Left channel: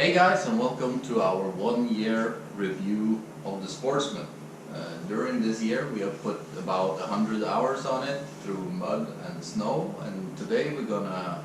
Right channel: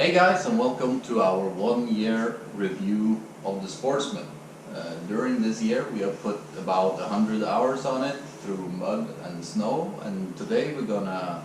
Hey guys, and welcome to our 1 year review of the Sportsman. During this year we have put about 100 hours on it through mud and snow, and today we're gonna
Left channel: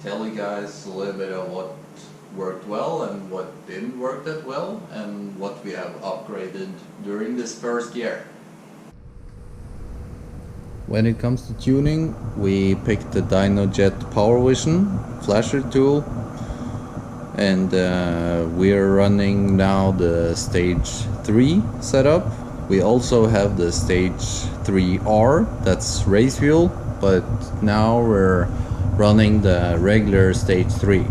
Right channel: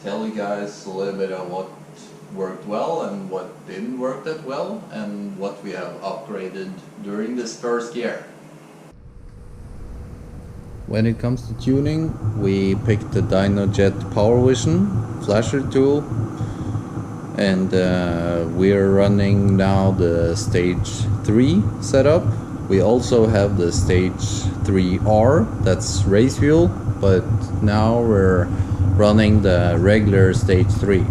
tell you guys a little bit of what worked well and what didn't work that well, and what we have upgraded during this first year. When it comes to tuning, we picked the DynoJet Power Vision flasher tool, and we're running now the stage 3 setup. We also have the stage 3R, that's race fuel, but now we're running the regular stage 3.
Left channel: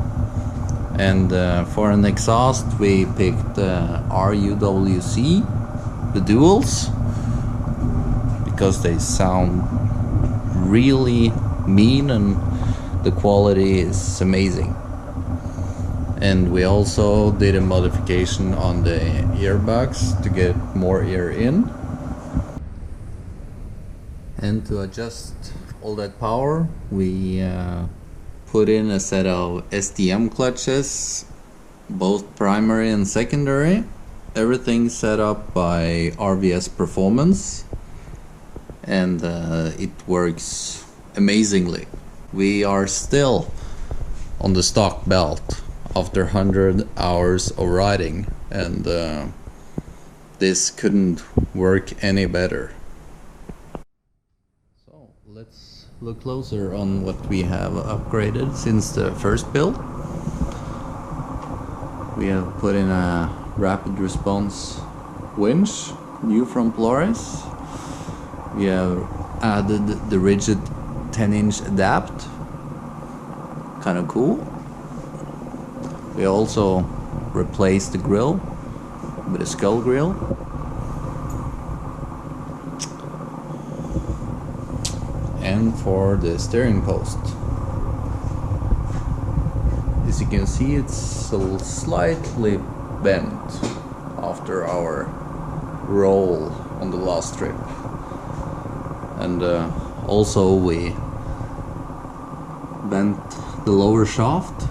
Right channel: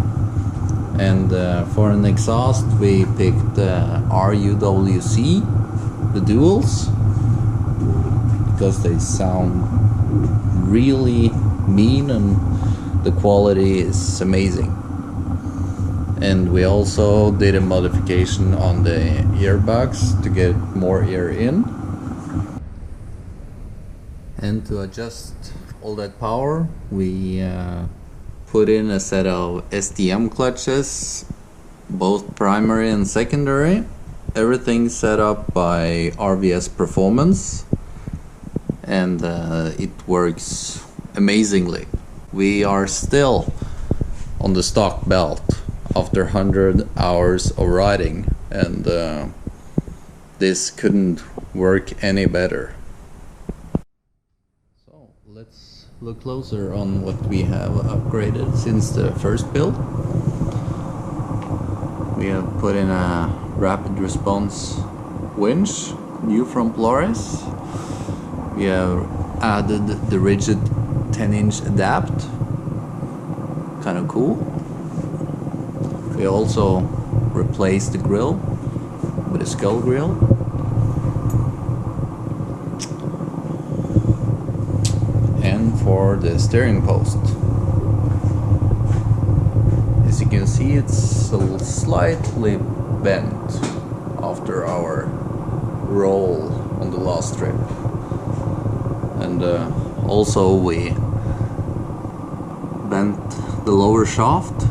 And for an exhaust we picked RUWC, the duals, because they sound really mean and the quality is amazing. And we also did a modification on the earbuds to get more air in. And to adjust all that power, we put in a set of STM clutches, both primary and secondary. Everything set up by RVS Performance, and it works amazingly. We are still on the stock belt after 100 hours of riding, and this couldn't work any better. So let's look closer on what we have upgraded since the first build. We have put in a rapid response winch, new from Polaris. We have added the rigid 10-inch adapt, kind of cool. We also replaced the grill with a skull grill. And for the steering post, as you can see, it's slightly bent after our roll on the last trip. And also we bent the lower shaft,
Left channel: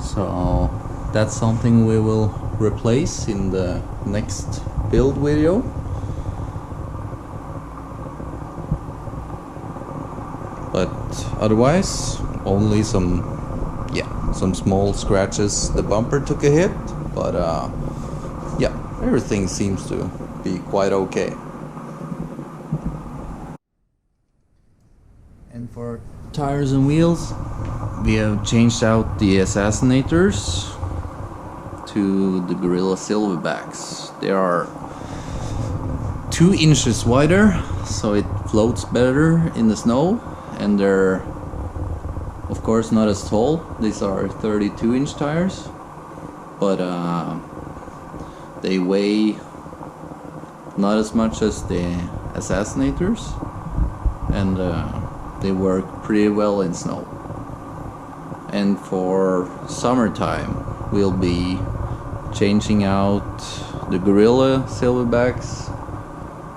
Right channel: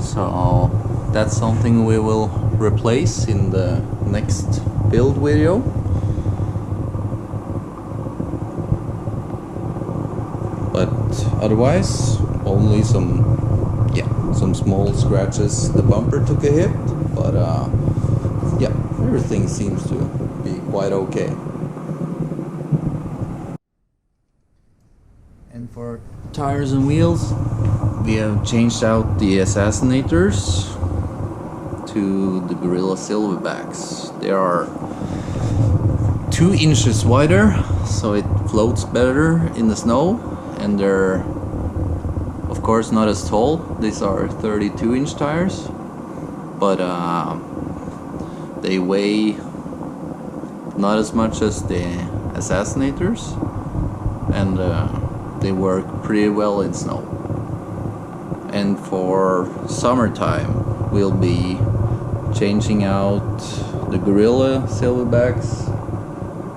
so that's something we will replace in the next build video. But otherwise, only some small scratches. The bumper took a hit, but yeah, everything seems to be quite okay. And for tires and wheels, we have changed out the Assassinators to the Gorilla Silverbacks. They are 2 inches wider, so it floats better in the snow, and they're of course not as tall. These are 32-inch tires, but they weigh not as much as the Assassinators, and they work pretty well in snow. And for summertime we'll be changing out the Gorilla Silverbacks,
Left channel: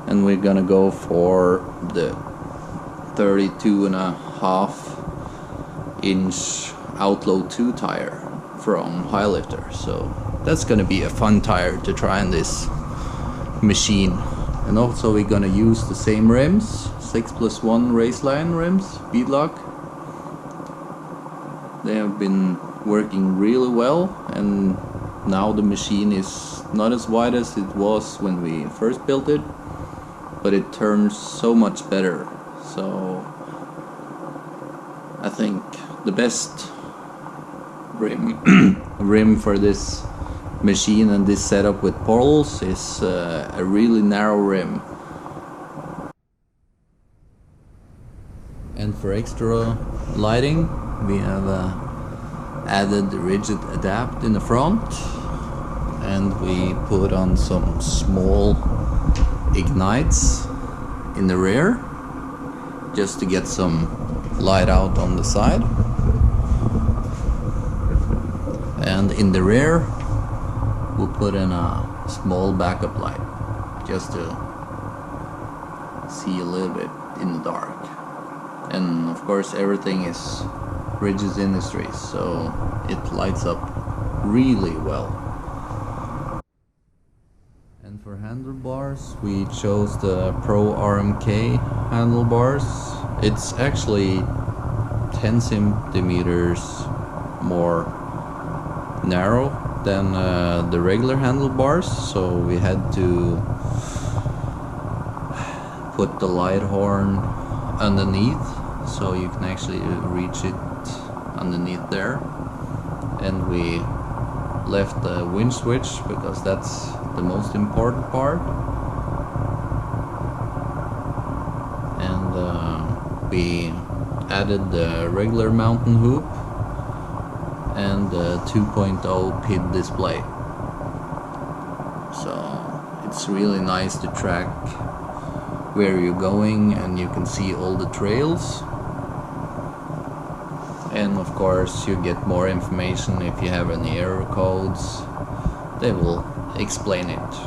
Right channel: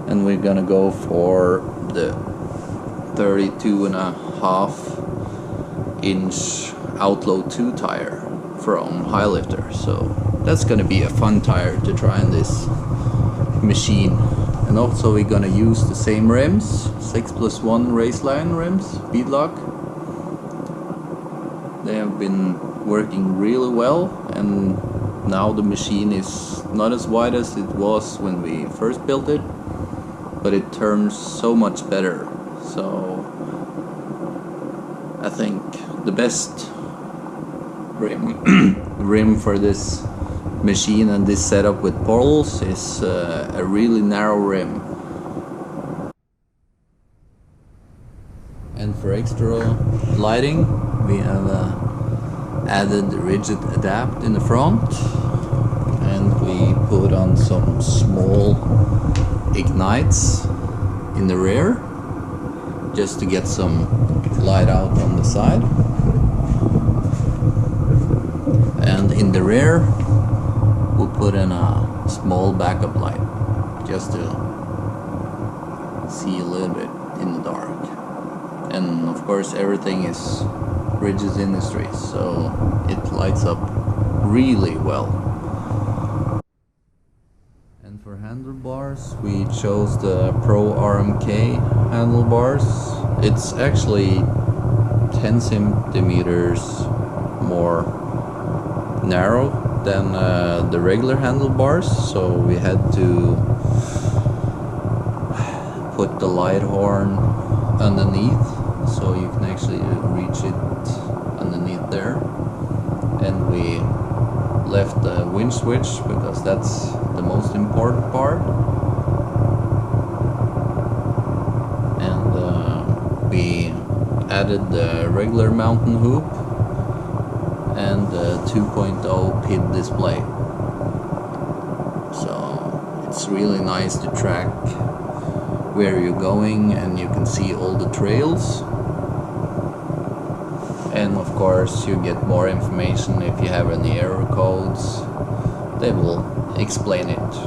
and we're gonna go for the 32.5-inch Outlaw 2 tire from Highlifter. So that's gonna be a fun tire to try in this machine. And also we're gonna use the same rims, 6+1 Raceline rims, beadlock. They have been working really well, and now the machine is not as wide as it was when we first built it, but it turns so much better. So I think the best rim for this machine and this setup with portals is a really narrow rim. And for extra lighting, we have added the rigid adapt in the front, and we put on some small ignites in the rear just to get some light out on the side. And in the rear we'll put in a small backup light just to see a little bit in the dark. And of course everything is Bridges Industries, so it lights up really well. And for handlebars, we chose the Pro RMK handlebars. It's actually 10 centimeters more narrow than the regular handlebars, so we had to put the light horn underneath so you can actually reach it underneath there, and we left the winch switch because that's the most important part, and we added the regular mountain hoop and the 2.0 PID display, so it's really nice to track where you're going, and you can see all the trails. And of course you get more information if you have any error codes, they will explain it.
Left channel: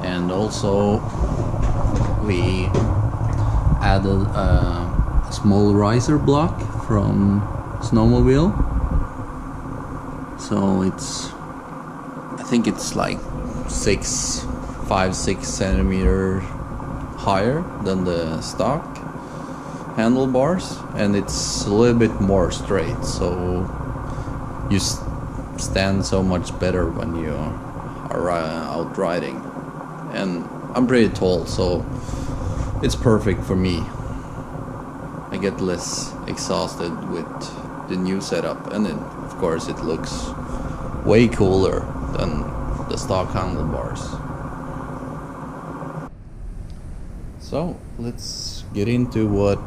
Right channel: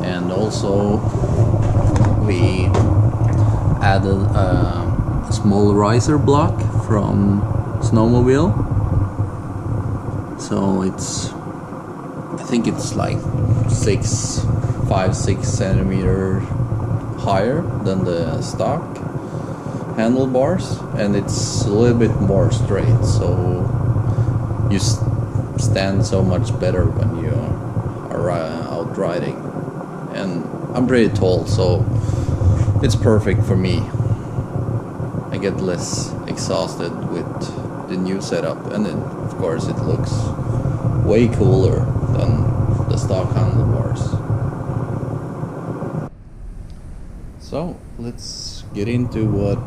And also we added a small riser block from Snowmobile, so I think it's like 5-6 centimeters higher than the stock handlebars, and it's a little bit more straight, so you stand so much better when you are out riding. And I'm pretty tall, so it's perfect for me. I get less exhausted with the new setup, and then of course it looks way cooler than the stock handlebars. So let's get into what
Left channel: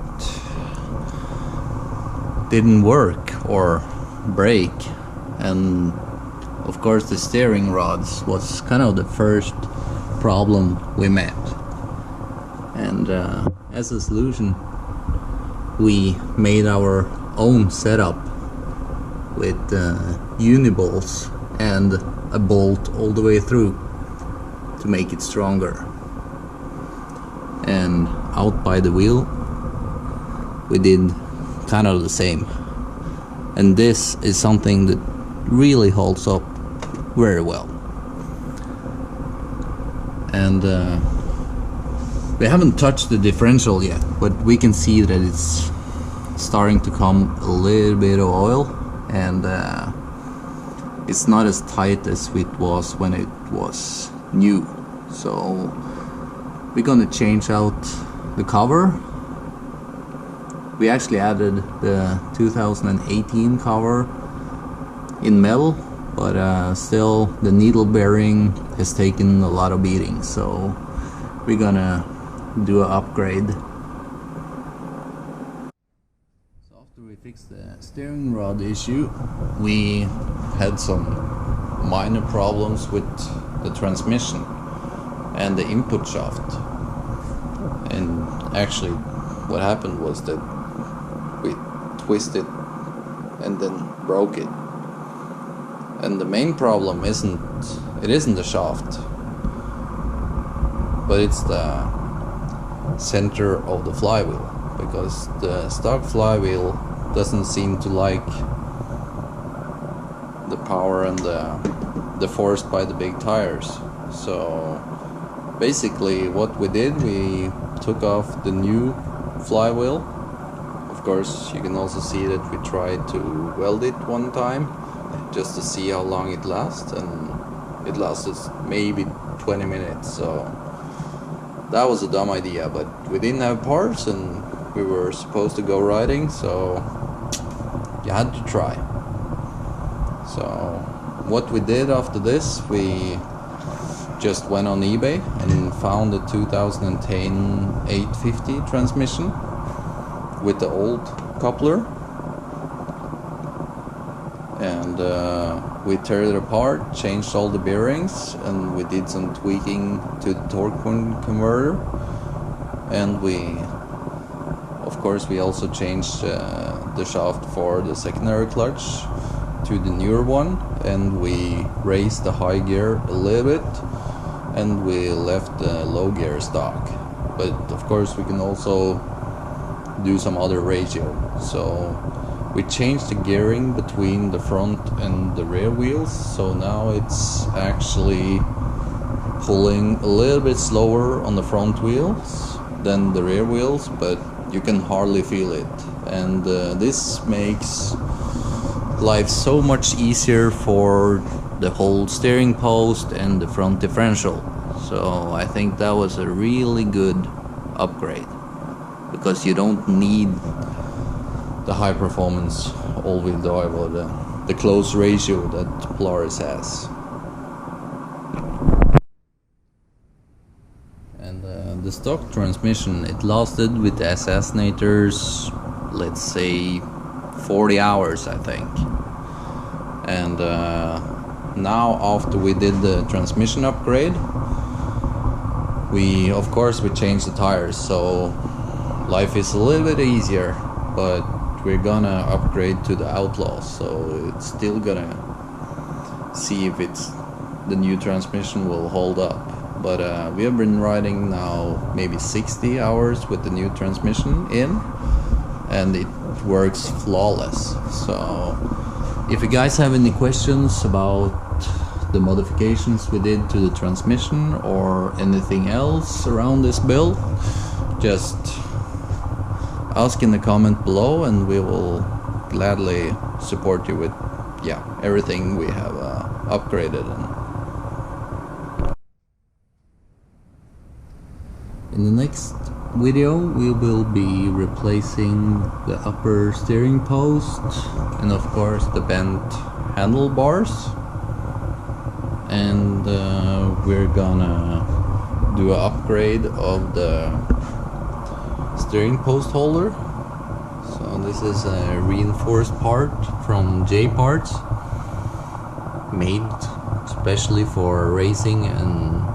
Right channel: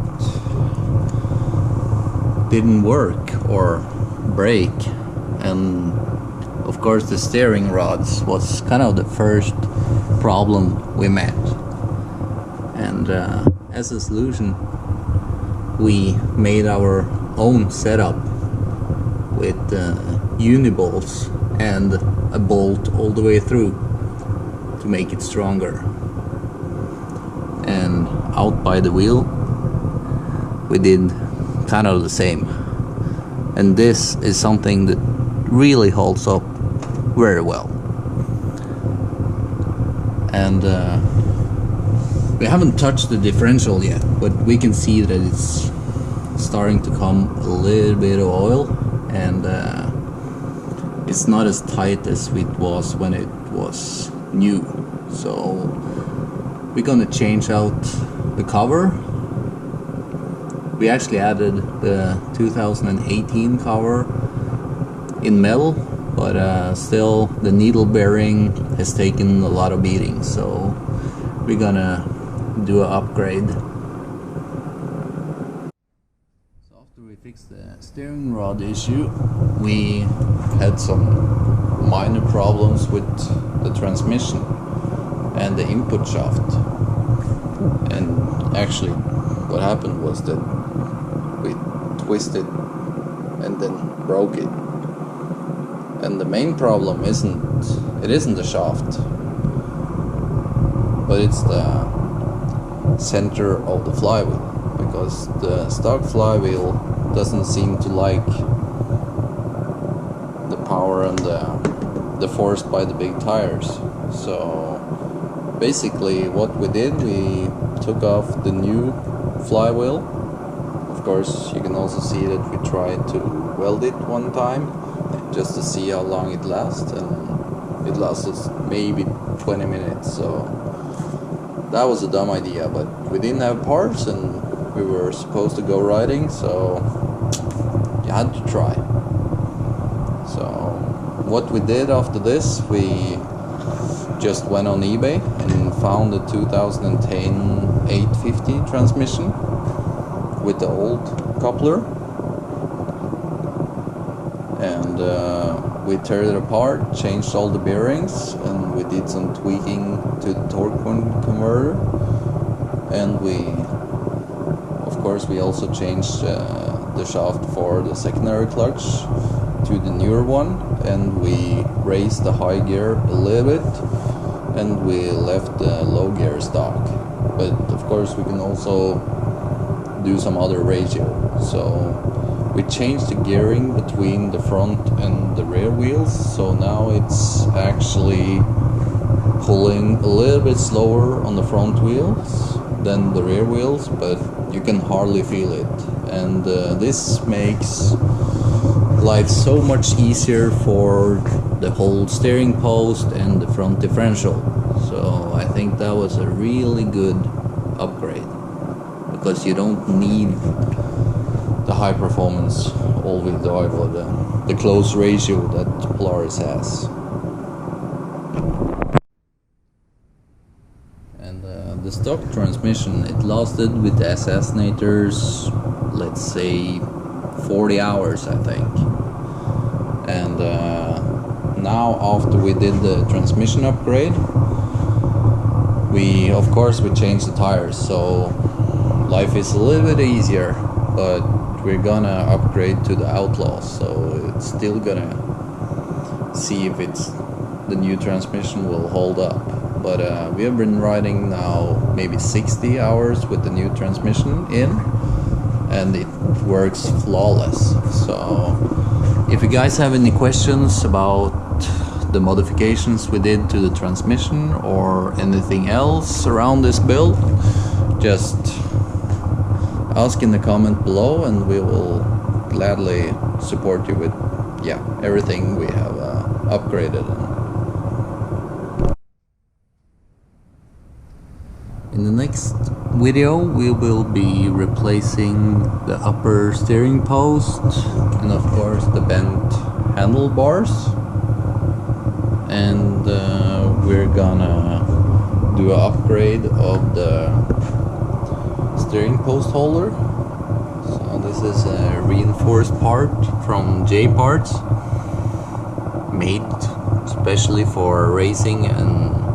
didn't work or break. And of course the steering rods was kind of the first problem we met, and as a solution we made our own setup with uni-bolts and a bolt all the way through to make it stronger. And out by the wheel we did kind of the same, and this is something that really holds up very well. And we haven't touched the differential yet, but we can see that it's starting to come a little bit of oil, and it's not as tight as it was when it was new. So we're gonna change out the cover. We actually added the 2018 cover in metal, but still the needle bearing has taken a lot of beating, so we're gonna do an upgrade. So after we fixed the steering rod issue, we had some minor problems with the transmission and the input shaft. And actually what happened was that we twisted and then broke it. And the main problem isn't the shaft, but it's the center of the flywheel, because the stock flywheel doesn't seem to like the power and the force by the big tires. So basically what we did, we took off the new flywheel. Of course you can also see that we tried to weld it one time just to see how long it lasts, and it lasted maybe 20 minutes, so that was a dumb idea. But we didn't have parts and we were supposed to go riding, so you had to try. So what we did after this, we just went on eBay and found a 2010 850 transmission with the old coupler, and we tore it apart, changed all the bearings, and we did some tweaking to the torque converter, and we also changed the shaft for the secondary clutch to the newer one, and we raised the high gear a little bit, and we left the low gear stock. But of course we can also do some other ratio, so We changed the gearing between the front and the rear wheels, so now it's actually pulling a little bit slower on the front wheels than the rear wheels, but you can hardly feel it. And this makes life so much easier for the whole steering post and the front differential. So I think that was a really good upgrade, because you don't need the high performance all-wheel drive or the close ratio that Polaris has. And the stock transmission, it lasted with the Assassinators, let's say 40 hours, I think. And now after we did the transmission upgrade, we changed the tires, so life is a little bit easier, but we're gonna upgrade to the Outlaws, so it's still gonna see if the new transmission will hold up. But we have been riding now maybe 60 hours with the new transmission in, and it works flawless. So if you guys have any questions about the modifications we did to the transmission or anything else around this build, just ask in the comment below, and we will gladly support you with everything we have upgraded. And in the next video we will be replacing the upper steering post and of course the bent handlebars, and we're gonna do an upgrade of the steering post holder. So this is a reinforced part from J Parts, made especially for racing and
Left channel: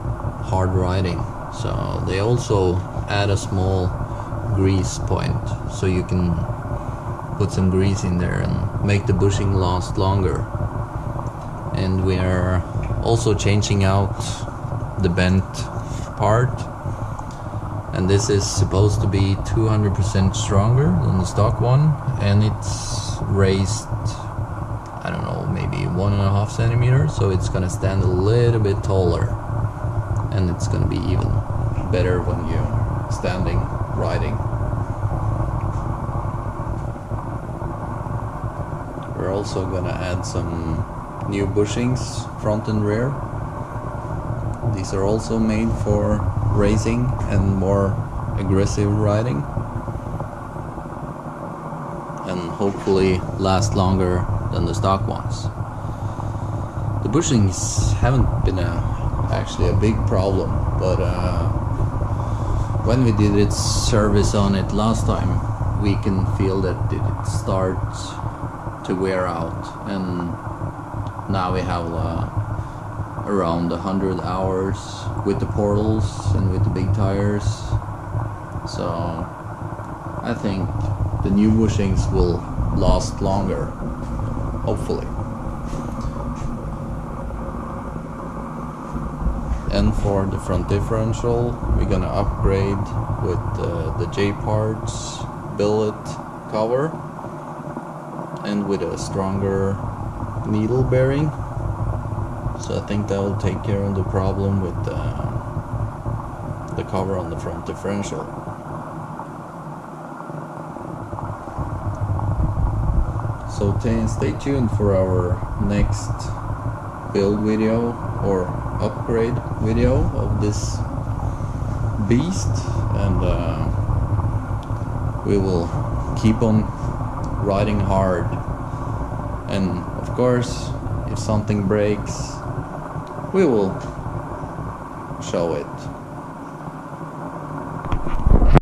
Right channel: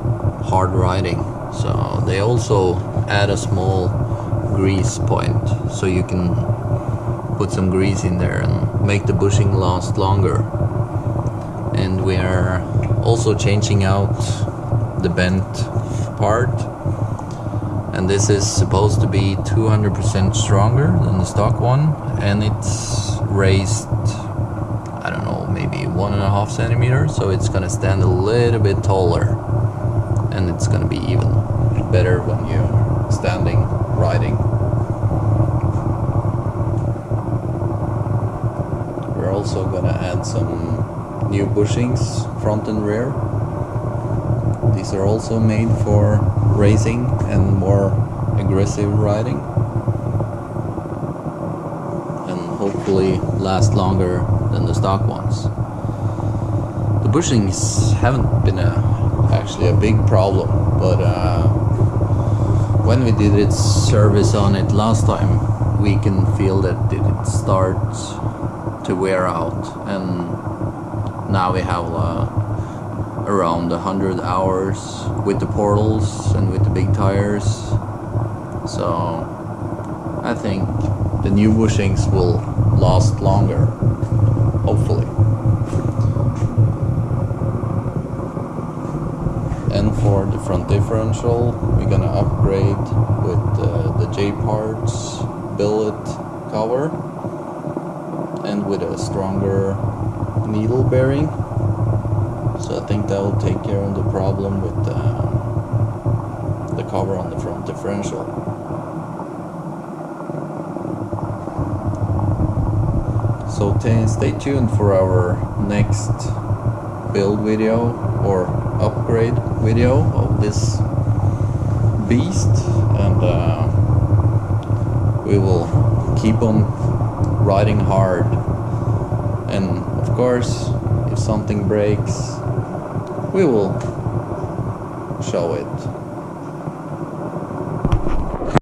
hard riding. So they also add a small grease point, so you can put some grease in there and make the bushing last longer. And we are also changing out the bent part, and this is supposed to be 200% stronger than the stock one, and it's raised, I don't know, maybe 1.5 centimeters, so it's gonna stand a little bit taller, and it's gonna be even better when you're standing riding. We're also gonna add some new bushings front and rear. These are also made for racing and more aggressive riding, and hopefully last longer than the stock ones. The bushings haven't been actually a big problem, but when we did its service on it last time, we can feel that it starts to wear out, and now we have around 100 hours with the portals and with the big tires. So I think the new bushings will last longer, hopefully. And for the front differential, we're gonna upgrade with the J Parts billet cover and with a stronger needle bearing. So I think that will take care of the problem with the cover on the front differential. So stay tuned for our next build video or upgrade video of this beast, and we will keep on riding hard, and of course if something breaks we will show it.